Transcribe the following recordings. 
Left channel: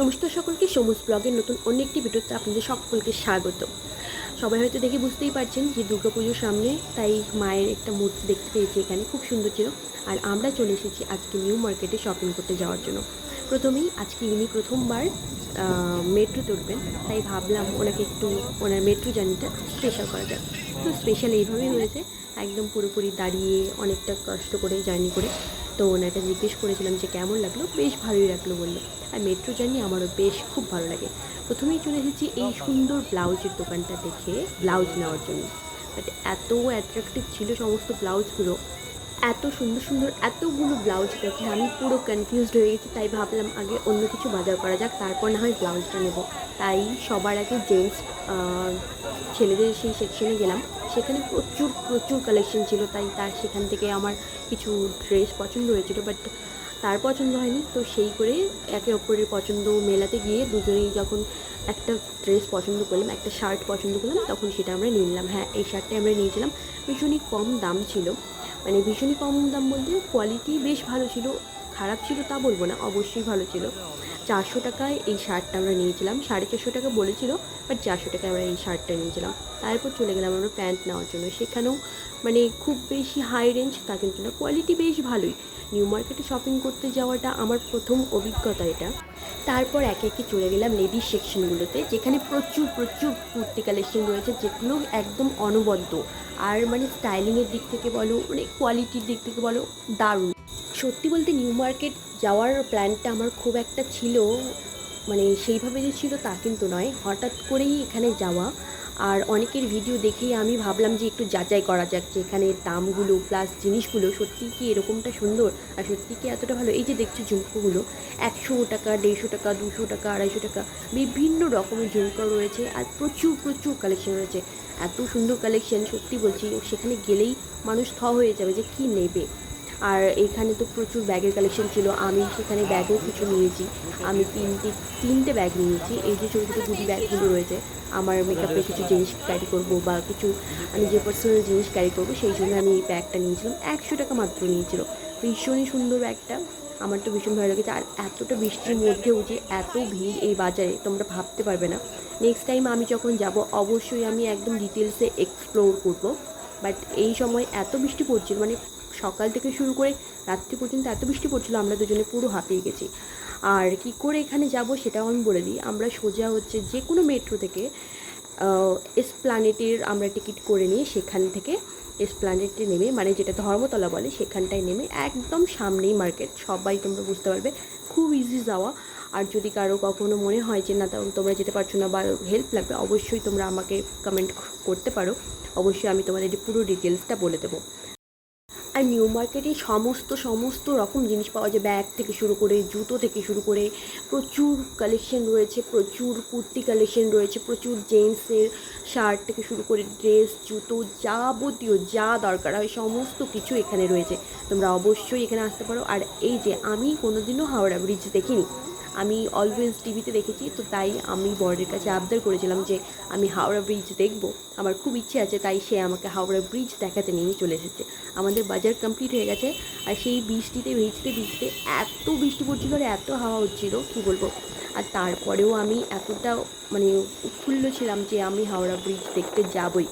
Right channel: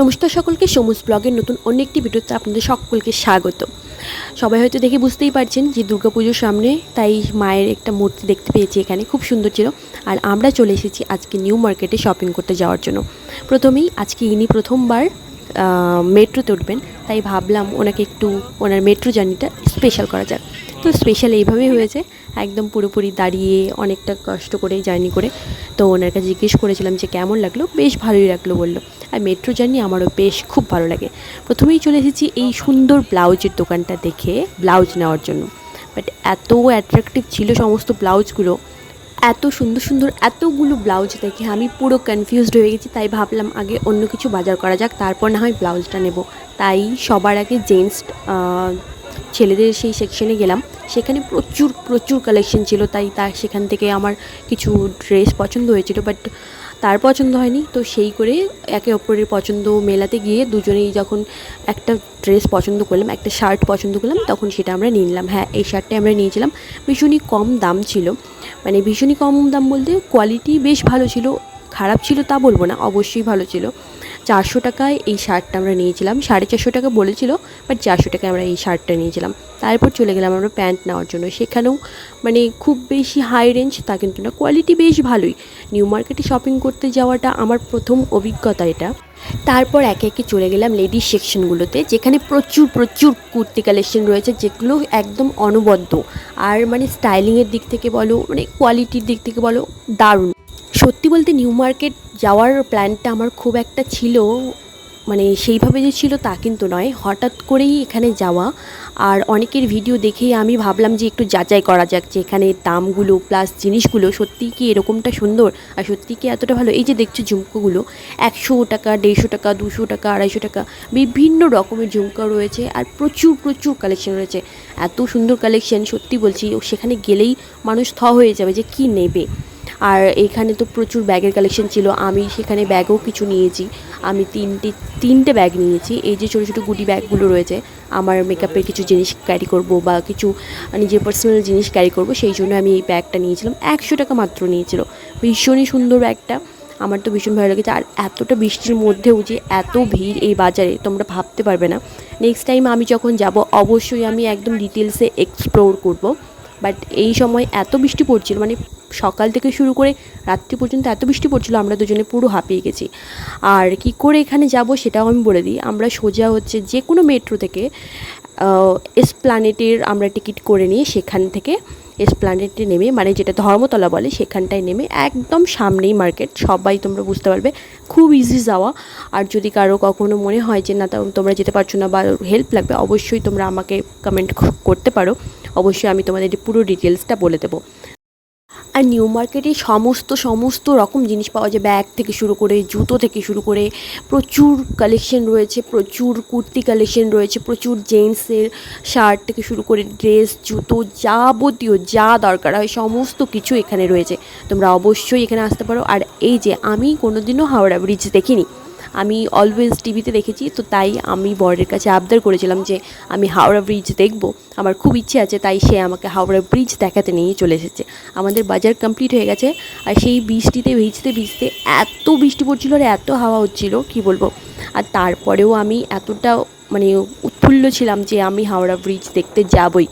নমস্কার সকলকে, সমুজ ব্লগের নতুন অন্য একটি ভিডিওতে আপনাদের সকলকে স্বাগত। সবাই হয়তো দেখে বুঝতেই পারছেন যে দুর্গাপুজোর সামনে, তাই মায়ের একটা মূর্তি দেখতে পেয়েছি এখানে, খুব সুন্দর ছিল। আর আমরা চলে এসেছি আজকে নিউ মার্কেটে শপিং করতে যাওয়ার জন্য। প্রথমেই আজকে ইনি প্রথমবার মেট্রোতে উঠবেন, তাই ভাবলাম ওনাকে একটু ওনার মেট্রো জার্নিটা স্পেশাল করা যাক। তো স্পেশাল এইভাবেই হয়েছে, একদম পুরোপুরি দাঁড়িয়ে অনেকটা কষ্ট করে জার্নি করে। তো ওনার কাছে জিজ্ঞেস করেছিলাম যে কেমন লাগলো, বেশ ভালোই লাগলো বললো। আর মেট্রো জার্নি আমারও বেশ খুব ভালো লাগে। প্রথমেই চলে এসেছি এই সুন্দর ব্লাউজের দোকানটা দেখে ব্লাউজ নেওয়ার জন্য। বাট এত অ্যাট্রাকটিভ ছিল সমস্ত ব্লাউজগুলো, এত সুন্দর সুন্দর এতগুলো ব্লাউজ দেখে আমি পুরো কনফিউজড হয়ে গেছি। তাই ভাবলাম আগে অন্য কিছু বাজার করা যাক, তারপর না হয় ব্লাউজটা নেব। তাই সবার আগে জেন্টস ছেলেদের সেই সেকশনে গেলাম। সেখানে প্রচুর প্রচুর কালেকশন ছিল, তাই সেখান থেকে আমার কিছু ড্রেস পছন্দ হয়েছিল, বাট তার পছন্দ হয়নি। তো সেই করে একে অপরের পছন্দ মেলাতে গিয়ে দুজনেই যখন একটা ড্রেস পছন্দ করলাম, একটা শার্ট পছন্দ করলাম, তখন সেটা আমরা নিয়ে নিলাম। হ্যাঁ, এই শার্টটাই আমরা নিয়েছিলাম। ভীষণই কম দাম ছিল, মানে ভীষণই কম দাম বলতে কোয়ালিটি বেশ ভালো ছিল, খারাপ ছিল তা বলবো না, অবশ্যই ভালো ছিল। 400 টাকায় এই শার্টটা আমরা নিয়েছিলাম। 450 টাকা বলেছিল, বাট 400 টাকায় আমরা এই শার্টটা নিয়েছিলাম। তারপর চলে গেলাম আমরা প্যান্ট নেওয়ার জন্য। সেখানেও মানে খুব বেশি হাই রেঞ্জ তা কিন্তু না, কোয়ালিটি বেশ ভালোই। নিউ মার্কেটে শপিং করতে যাওয়াটা আমার প্রথম অভিজ্ঞতা এটা। তারপর একে একে চলে গেলাম লেডিস সেকশনগুলোতে, যেখানে প্রচুর প্রচুর কুর্তি কালেকশন রয়েছে, যেগুলো একদম অনবদ্য। আর মানে স্টাইলিংয়ের দিক থেকে বলো, মানে কোয়ালিটির দিক থেকে বলো, দারুণ। সত্যি বলতে নিউ মার্কেট যাওয়ার প্ল্যানটা আমার খুব একটা ছিল, মানে সেইভাবে যে ছিল তা কিন্তু নয়, হঠাৎ করেই এখানে যাওয়া। আর অনেকের ভিডিও দেখেই আমি ভাবলাম যে একটু যাচাই করা যাক যে এখানে দামগুলো প্লাস জিনিসগুলো সত্যিই কি এরকমটা সুন্দর আর সত্যিই কি এতটা ভালো। এই যে দেখছো ঝুমকোগুলো 100 টাকা, 150 টাকা, 200 টাকা, 250 টাকা, বিভিন্ন রকমের ঝুমকা রয়েছে। আর প্রচুর প্রচুর কালেকশন রয়েছে, এত সুন্দর কালেকশন, সত্যি বলছি সেখানে গেলেই মানুষ হয়ে যাবে যে কি নেবে। আর এখানে তো প্রচুর ব্যাগের কালেকশন ছিল, আমি সেখানে ব্যাগও কিছু নিয়েছি। আমি তিনটে ব্যাগ নিয়েছি। এই যে ছোটো ছোটো গুটি ব্যাগগুলো রয়েছে, আমার মেকআপের কিছু জিনিস ক্যারি করব বা কিছু নিজের পার্সোনাল জিনিস ক্যারি করব, সেই জন্য আমি এই ব্যাগটা নিয়েছিলাম। 100 টাকা মাত্র নিয়েছিল। ভীষণই সুন্দর ব্যাগটা, আমার তো ভীষণ ভালো লেগেছে। আর এতটা বৃষ্টির মধ্যেও যে এত ভিড় এই বাজারে, তোমরা ভাবতে পারবে না। নেক্সট টাইম আমি যখন যাব অবশ্যই আমি একদম ডিটেলসে এক্সপ্লোর করব। বাট এই সময় এত বৃষ্টি পড়ছিল, মানে সকাল থেকে শুরু করে রাত্রি পর্যন্ত এত বৃষ্টি পড়ছিল, আমরা দুজনে পুরো হাঁপিয়ে গেছি। আর কি করে এখানে যাব সেটাও আমি বলে দিই। আমরা সোজা হচ্ছে যে কোনো মেট্রো থেকে এসপ্ল্যানেটের আমরা টিকিট করে নিয়ে সেখান থেকে এসপ্ল্যানেটে নেমে, মানে যেটা ধর্মতলা বলে, সেখানটায় নেমে একদম সামনেই মার্কেট, সবাই তোমরা বুঝতে পারবে, খুব ইজি যাওয়া। আর যদি কারো কখনো মনে হয় যে না তোমরা যেতে পারছো না বা হেল্প লাগবে, অবশ্যই তোমরা আমাকে কমেন্ট করতে পারো, অবশ্যই আমি তোমাদের পুরো ডিটেলসটা বলে দেবো। আর নিউ মার্কেটে সমস্ত রকম জিনিস পাওয়া যায়, ব্যাগ থেকে শুরু করে জুতো থেকে শুরু করে প্রচুর কালেকশন রয়েছে, প্রচুর কুর্তি কালেকশন রয়েছে, প্রচুর জেন্টসের শার্ট থেকে শুরু করে ড্রেস, জুতো, যাবতীয় যা দরকার হয় সমস্ত কিছু এখানে রয়েছে। তোমরা অবশ্যই এখানে আসতে পারো। আর এই যে আমি কোনোদিনও হাওড়া ব্রিজ দেখিনি, আমি অলওয়েজ টিভিতে দেখেছি, তো তাই আমি বরের কাছে আবদার করেছিলাম যে আমি হাওড়া ব্রিজ দেখব, আমার খুব ইচ্ছে আছে। তাই সে আমাকে হাওড়া ব্রিজ দেখাতে নিয়ে চলে এসেছে। আমাদের বাজার কমপ্লিট হয়ে গেছে, আর সেই বৃষ্টিতে ভিজতে ভিজতে, এত বৃষ্টি পড়ছিল আর এত হাওয়া হচ্ছিল কি বলবো। আর তারপরেও আমি এতটা মানে উৎফুল্ল ছিলাম যে আমি হাওড়া ব্রিজ দেখতে যাবই।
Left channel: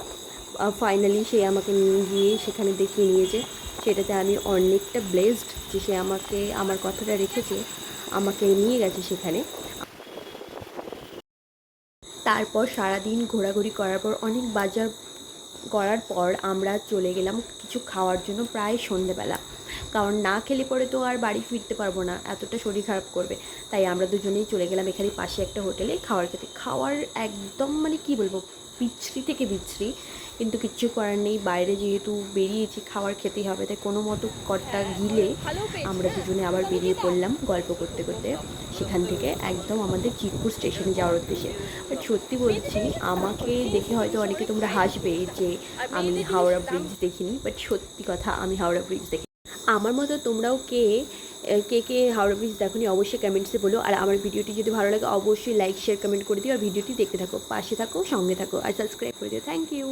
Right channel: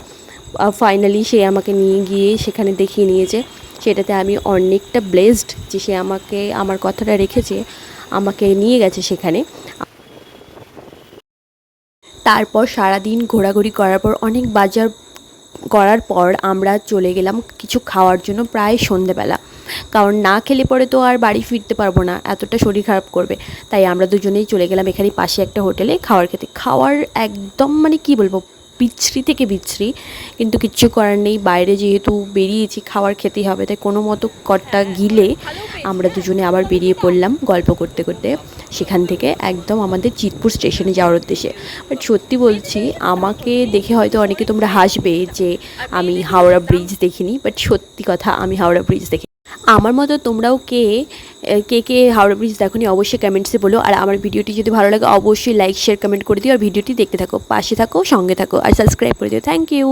ফাইনালি সে আমাকে নিয়ে গিয়ে সেখানে দেখিয়ে নিয়েছে, সেটাতে আমি অনেকটা ব্লেসড যে সে আমাকে আমার কথাটা রেখেছে, আমাকে নিয়ে গেছে সেখানে। তারপর সারাদিন ঘোরাঘুরি করার পর, অনেক বাজার করার পর আমরা চলে গেলাম কিছু খাওয়ার জন্য প্রায় সন্ধেবেলা। কারণ না খেলে পরে তো আর বাড়ি ফিরতে পারবো না, এতটা শরীর খারাপ করবে। তাই আমরা দুজনেই চলে গেলাম এখানে পাশে একটা হোটেলে খাবার খেতে। খাওয়ার একদম মানে কি বলবো, বিচ্ছিরি থেকে বিচ্ছিরি, কিন্তু কিচ্ছু করার নেই, বাইরে যেহেতু বেরিয়েছি খাবার খেতেই হবে, তাই কোনো মতো কটটা গিলে আমরা দুজনে আবার বেরিয়ে পড়লাম গল্প করতে করতে সেখান থেকে একদম আমাদের চিতপুর স্টেশনে যাওয়ার উদ্দেশ্যে। বাট সত্যি বলছি, আমাকে দেখে হয়তো অনেকে তোমরা হাসবে যে আমি হাওড়া ব্রিজ দেখিনি, বাট সত্যি কথা আমি হাওড়া ব্রিজ দেখি। আমার মতো তোমরাও কে কে কে হাওড়া ব্রিজ দেখোনি অবশ্যই কমেন্টসে বলো। আর আমার ভিডিওটি যদি ভালো লাগে অবশ্যই লাইক শেয়ার কমেন্ট করে দিও, আর ভিডিওটি দেখতে থাকো, পাশে থাকো, সঙ্গে থাকো, আর সাবস্ক্রাইব করে দিও। Thank you.